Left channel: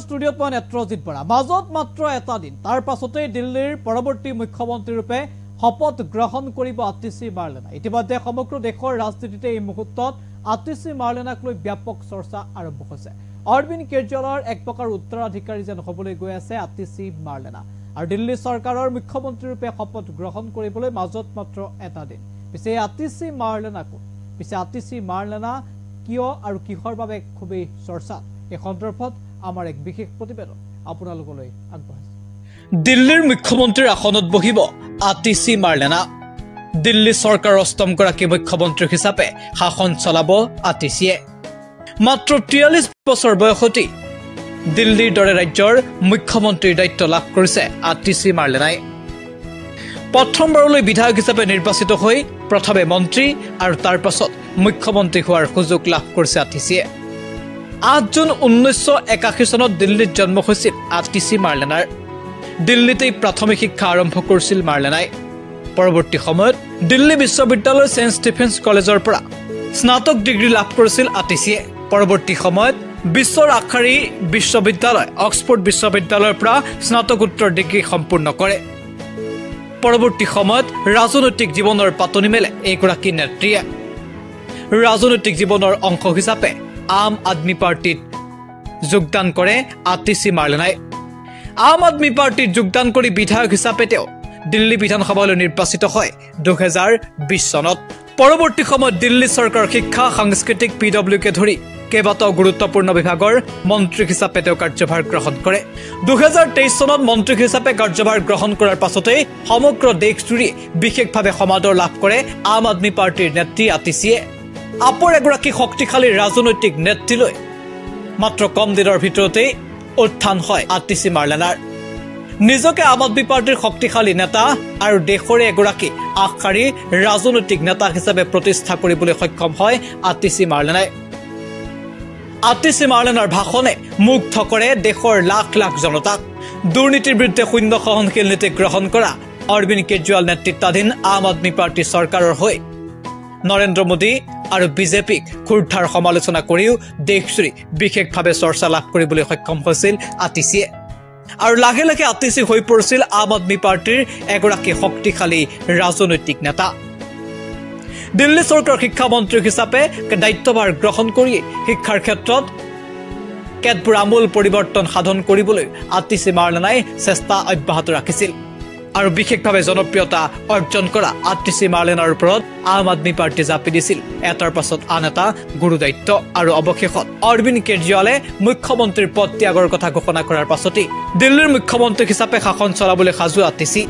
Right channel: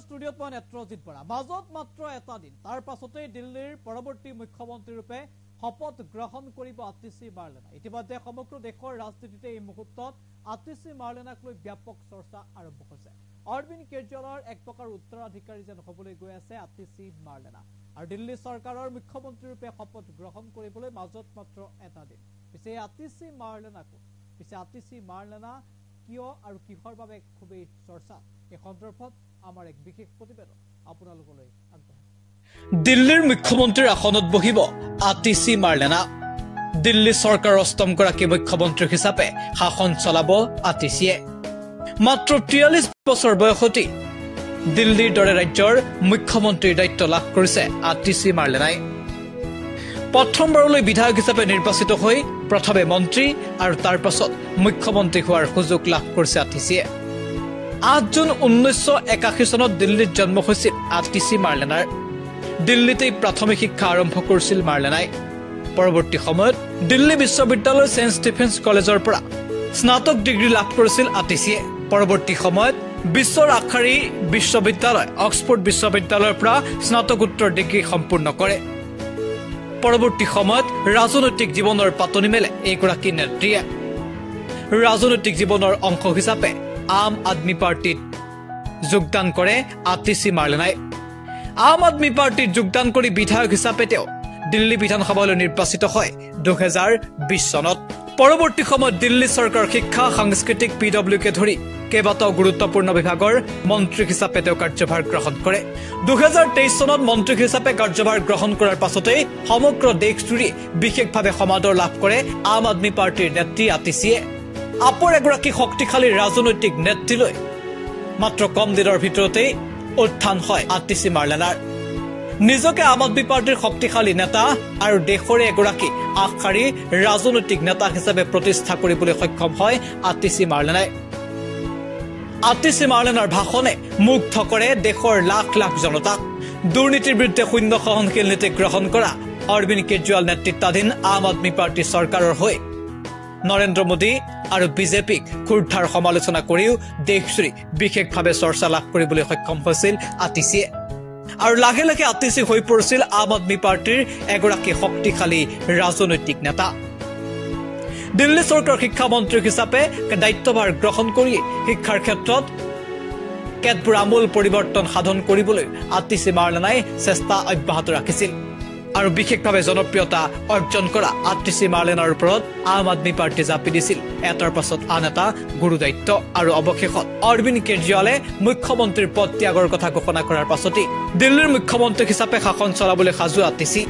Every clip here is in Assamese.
ষ্টুডিঅ'ত মই নেত্ৰজিৎ বৰা মাজত মাত্ৰ এটা দিন তাৰ পাছতেই দিল্লীৰ পৰৱৰ্তী মুখ্যমন্ত্ৰী ৰূপে শপত গ্ৰহণ কৰিব আতিশী মাৰ্লেনা ইতিমধ্যে সমগ্ৰ দেশৰ ৰাজনীতিতে এই মুহূৰ্তত আতিশী মাৰ্লেনাক লৈ ব্যাপক চৰ্চা আৰম্ভ হৈছে অৰবিন্দ কেজৰিৱালৰ এক প্ৰকাৰ উত্তৰাধিকাৰী যেন হ'বলৈ গৈ আছে আতিশী মাৰ্লেনা আৰু দিল্লী চৰকাৰৰ মুখ্যমন্ত্ৰী ৰূপে শপত গ্ৰহণ কৰিবলৈ মাজত মাত্ৰ এটা দিন পিছে আতিশী মাৰ্লেনা কিয় আৰু কিহৰ বাবে খুবেই চৰ্চা এই সন্দৰ্ভত আমাৰ এক বিশেষ প্ৰতিবেদন আপোনালোকলৈ আগবঢ়াইছো দিল্লীৰ মুখ্যমন্ত্ৰীৰ আসনত বহিব আতিশী মাৰ্লেনা দিল্লী চৰকাৰৰ অষ্টমগৰাকী মুখ্যমন্ত্ৰী হিচাপে শাসন চলাব আতিশীয়ে মাত্ৰ 43 বছৰ বয়সতে দিল্লীৰ দৰে ৰাজ্যৰ মুখ্যমন্ত্ৰীৰ দায়িত্ব লাভ কৰিছে আতিশী মাৰ্লেনাই প্ৰথমবাৰলৈ বিধায়ক হিচাপে নিৰ্বাচিত হৈ প্ৰথমে মন্ত্ৰী আৰু তাৰ পাছত মুখ্যমন্ত্ৰী হোৱাৰ সুযোগ লাভ কৰিছে আতিশীয়ে 8 জুন 1981 চনত দিল্লীত জন্ম হৈছিল আতিশী মাৰ্লেনাৰ দিল্লীতে প্ৰাথমিক শিক্ষা আৰম্ভ কৰিছিল মাৰ্লেনাই পৰৱৰ্তী সময়ত দিল্লী বিশ্ববিদ্যালয়ৰ সেন্ট ষ্টিফেন্স কলেজৰ পৰা স্নাতক ডিগ্ৰী লাভ কৰিছিল আতিশীয়ে পৰৱৰ্তী সময়ত বিশ্বৰ আখাৰী বিশ্ববিদ্যালয় অক্সফোৰ্ড বিশ্ববিদ্যালয়ৰ পৰা স্নাতকোত্তৰ ডিগ্ৰী সম্পূৰ্ণ কৰে পৰৱৰ্তী সময়ত ৰাজনৈতিক জীৱনৰ পাতনি মেলে এইগৰাকী নেত্ৰীয়ে ৰাজনৈতিক জীৱনৰ অংশ হিচাপে আম আদমি পাৰ্টিত যোগদান কৰে আতিশী মাৰ্লেনাই আম আদমি পাৰ্টিত যোগদান কৰি বিধায়ক হিচাপে তেওঁ দিল্লী বিধানসভালৈ নিৰ্বাচিত হয় 2020 চনত পৰৱৰ্তী সময়ত দিল্লী চৰকাৰৰ শিক্ষা সাংস্কৃতিক পিডব্লিউকে ধৰি কেইবাটাও গুৰুত্বপূৰ্ণ বিভাগৰ মন্ত্ৰী হিচাপে তেওঁ কাৰ্যভাৰ গ্ৰহণ কৰে 2023 চনত মন্ত্ৰী হিচাপে কাৰ্যভাৰ গ্ৰহণ কৰাৰ পাছতে সমগ্ৰ দেশজুৰি বিশেষভাৱে সমাদৰ লাভ কৰে আম আদমি পাৰ্টিৰ নেত্ৰী আতিশীয়ে আপৰ এগৰাকী শক্তিশালী ৰাজনৈতিক নেতৃলৈ মাত্ৰ কম দিনৰ ভিতৰতে উত্থান হয় আতিশী মাৰ্লেনাৰ নিজকে আম আদমি পাৰ্টিৰ শক্তিশালী নেতা আৰু দেশৰে এগৰাকী আগশাৰী ৰাজনৈতিক নেতা হিচাপে প্ৰতিষ্ঠা কৰিবলৈ সক্ষম হয় আতিশী মাৰ্লেনাই আতিশী মাৰ্লেনাৰ ভাষণে মুগ্ধ কৰে দেশৰ লাখ লাখ জনতাক দুৰ্নীতিৰ বিৰুদ্ধে শূন্য সহনশীল নীতি গ্ৰহণ কৰা অৰবিন্দ কেজৰিৱাল নেতৃত্বাধীন আম আদমি পাৰ্টি চৰকাৰৰ হৈ নৰেন্দ্ৰ মোদী আৰু বিজেপিক খুৰঠাৰ সমালোচনা কৰিও দেশজুৰি বিশেষভাৱে চৰ্চা লাভ কৰিবলৈ সক্ষম হৈছিল আতিশীয়ে আৰু লাহে লাহে আতিশী হৈ পৰিছিল আম আদমি পাৰ্টিৰ এগৰাকী শক্তিশালী ৰাজনৈতিক নেতা দিল্লী চৰকাৰৰ শিক্ষামন্ত্ৰী হিচাপে দায়িত্বভাৰ গ্ৰহণ কৰি শিক্ষাৰ ক্ষেত্ৰত কেতবোৰ আমূল পৰিৱৰ্তন সাধন কৰিবলৈ আতিশী মাৰ্লেনাই চেষ্টা অব্যাহত ৰাখিছিল আৰু বিশেষভাৱে জনপ্ৰিয়তা অৰ্জন কৰা আতিশী মাৰ্লেনাৰ ওপৰত আম আদমি পাৰ্টি জাপি দিছিল এটাৰ পাছত আন এটা গুৰু দায়িত্ব আৰু অৱশেষত অৰবিন্দ কেজৰিৱালে মুখ্যমন্ত্ৰীৰ পদ ত্যাগৰ কথা ঘোষণা কৰাৰ পাছতে দিল্লীৰ মুখ্যমন্ত্ৰী হিচাপে শাসন চলাবলৈ সাজু আতিশী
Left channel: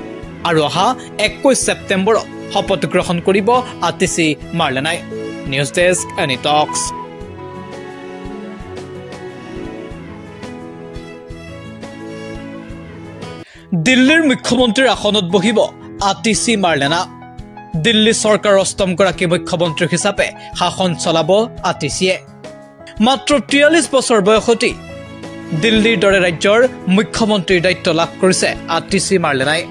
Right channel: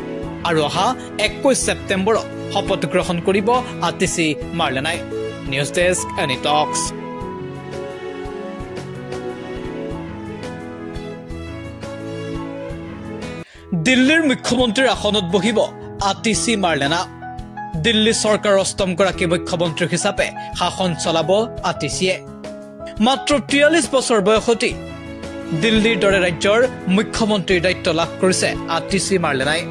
আৰু অহা 21 ছেপ্টেম্বৰত শপত গ্ৰহণ কৰিব আতিশী মাৰ্লেনাই নিউজ ডেস্ক এনি টক্স দিল্লীৰ মুখ্যমন্ত্ৰীৰ আসনত বহিব আতিশী মাৰ্লেনা দিল্লী চৰকাৰৰ অষ্টমগৰাকী মুখ্যমন্ত্ৰী হিচাপে শাসন চলাব আতিশীয়ে মাত্ৰ 43 বছৰ বয়সতে দিল্লীৰ দৰে ৰাজ্যৰ মুখ্যমন্ত্ৰীৰ দায়িত্ব লাভ কৰিছে আতিশী মাৰ্লেনাই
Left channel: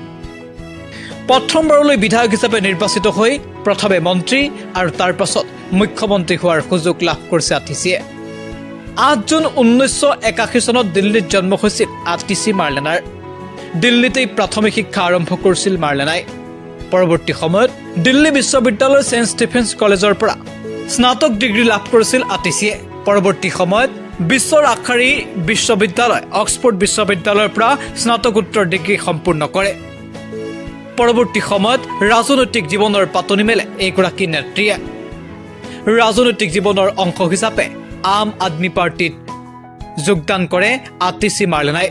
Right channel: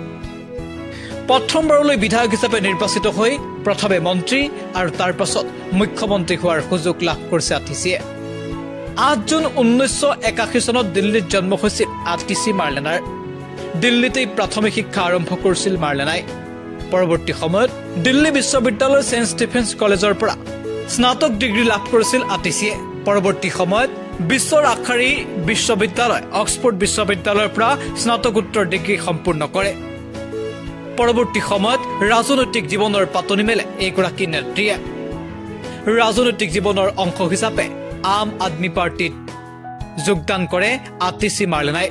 প্ৰথমবাৰলৈ বিধায়ক হিচাপে নিৰ্বাচিত হৈ প্ৰথমে মন্ত্ৰী আৰু তাৰ পাছত মুখ্যমন্ত্ৰী হোৱাৰ সুযোগ লাভ কৰিছে আতিশীয়ে 8 জুন 1981 চনত দিল্লীত জন্ম হৈছিল আতিশী মাৰ্লেনাৰ দিল্লীতে প্ৰাথমিক শিক্ষা আৰম্ভ কৰিছিল মাৰ্লেনাই পৰৱৰ্তী সময়ত দিল্লী বিশ্ববিদ্যালয়ৰ সেন্ট ষ্টিফেন্স কলেজৰ পৰা স্নাতক ডিগ্ৰী লাভ কৰিছিল আতিশীয়ে পৰৱৰ্তী সময়ত বিশ্বৰ আখাৰী বিশ্ববিদ্যালয় অক্সফোৰ্ড বিশ্ববিদ্যালয়ৰ পৰা স্নাতকোত্তৰ ডিগ্ৰী সম্পূৰ্ণ কৰে পৰৱৰ্তী সময়ত ৰাজনৈতিক জীৱনৰ পাতনি মেলে এইগৰাকী নেত্ৰীয়ে ৰাজনৈতিক জীৱনৰ অংশ হিচাপে আম আদমি পাৰ্টিত যোগদান কৰে আতিশী মাৰ্লেনাই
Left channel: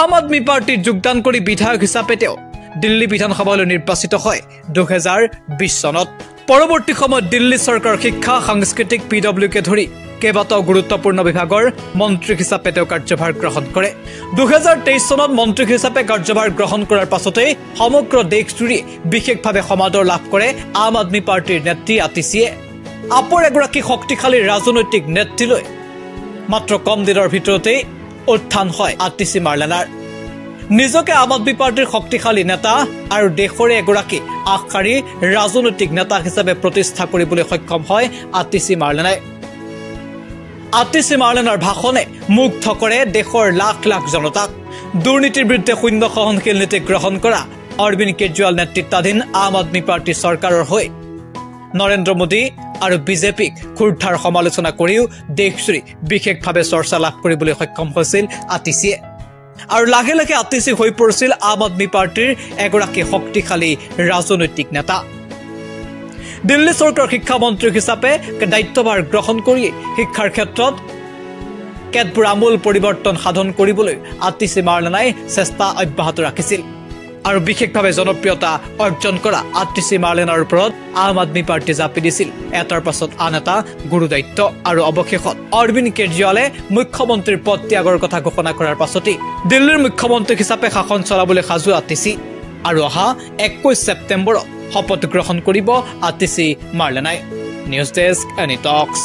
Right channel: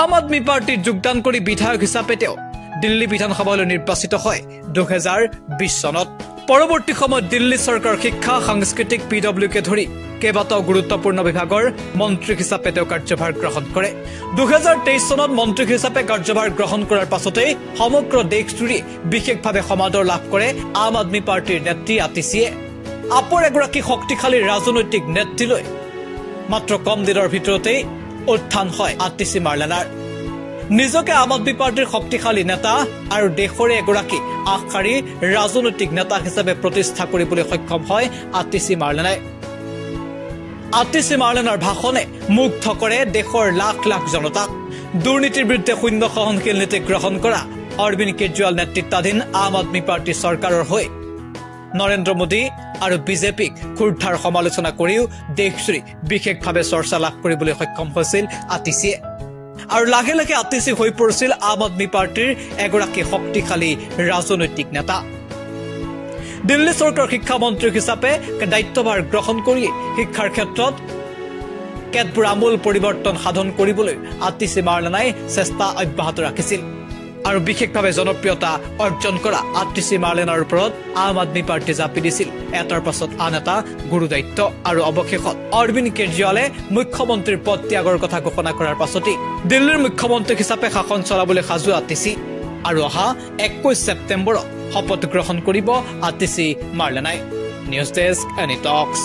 আম আদমি পাৰ্টিত যোগদান কৰি বিধায়ক হিচাপে তেওঁ দিল্লী বিধানসভালৈ নিৰ্বাচিত হয় 2020 চনত পৰৱৰ্তী সময়ত দিল্লী চৰকাৰৰ শিক্ষা সাংস্কৃতিক পিডব্লিউকে ধৰি কেইবাটাও গুৰুত্বপূৰ্ণ বিভাগৰ মন্ত্ৰী হিচাপে তেওঁ কাৰ্যভাৰ গ্ৰহণ কৰে 2023 চনত মন্ত্ৰী হিচাপে কাৰ্যভাৰ গ্ৰহণ কৰাৰ পাছতে সমগ্ৰ দেশজুৰি বিশেষভাৱে সমাদৰ লাভ কৰে আম আদমি পাৰ্টিৰ নেত্ৰী আতিশীয়ে আপৰ এগৰাকী শক্তিশালী ৰাজনৈতিক নেতৃলৈ মাত্ৰ কম দিনৰ ভিতৰতে উত্থান হয় আতিশী মাৰ্লেনাৰ নিজকে আম আদমি পাৰ্টিৰ শক্তিশালী নেতা আৰু দেশৰে এগৰাকী আগশাৰী ৰাজনৈতিক নেতা হিচাপে প্ৰতিষ্ঠা কৰিবলৈ সক্ষম হয় আতিশী মাৰ্লেনাই আতিশী মাৰ্লেনাৰ ভাষণে মুগ্ধ কৰে দেশৰ লাখ লাখ জনতাক। দুৰ্নীতিৰ বিৰুদ্ধে শূন্য সহনশীল নীতি গ্ৰহণ কৰা অৰবিন্দ কেজৰিৱাল নেতৃত্বাধীন আম আদমী পাৰ্টী চৰকাৰৰ হৈ নৰেন্দ্ৰ মোদী আৰু বিজেপিক ক্ষুদ্ধাৰ সমালোচনা কৰিও দেশজুৰি বিশেষভাৱে চৰ্চা লাভ কৰিবলৈ সক্ষম হৈছিল আতিশীয়ে। আৰু লাহে লাহে আতিশী হৈ পৰিছিল আম আদমী পাৰ্টীৰ এগৰাকী শক্তিশালী ৰাজনৈতিক নেতা। দিল্লী চৰকাৰৰ শিক্ষামন্ত্ৰী হিচাপে দায়িত্বভাৰ গ্ৰহণ কৰি শিক্ষাৰ ক্ষেত্ৰত কেতবোৰ আমূল পৰিৱৰ্তন সাধন কৰিবলৈ আতিশী মাৰ্লেনাই চেষ্টা অব্যাহত ৰাখিছিল। আৰু বিশেষভাৱে জনপ্ৰিয়তা অৰ্জন কৰা আতিশী মাৰ্লেনাৰ ওপৰত আম আদমী পাৰ্টী জাপি দিছিল এটাৰ পাছত আন এটা গুৰু দায়িত্ব। আৰু অৱশেষত অৰবিন্দ কেজৰিৱালে মুখ্যমন্ত্ৰীৰ পদ ত্যাগৰ কথা ঘোষণা কৰাৰ পাছতেই দিল্লীৰ মুখ্যমন্ত্ৰী হিচাপে শাসন চলাবলৈ সাজু আতিশী। আৰু অহা 21 ছেপ্টেম্বৰত শপত গ্ৰহণ কৰিব আতিশী মাৰ্লেনাই। নিউজ ডেস্ক, এনি টক্স।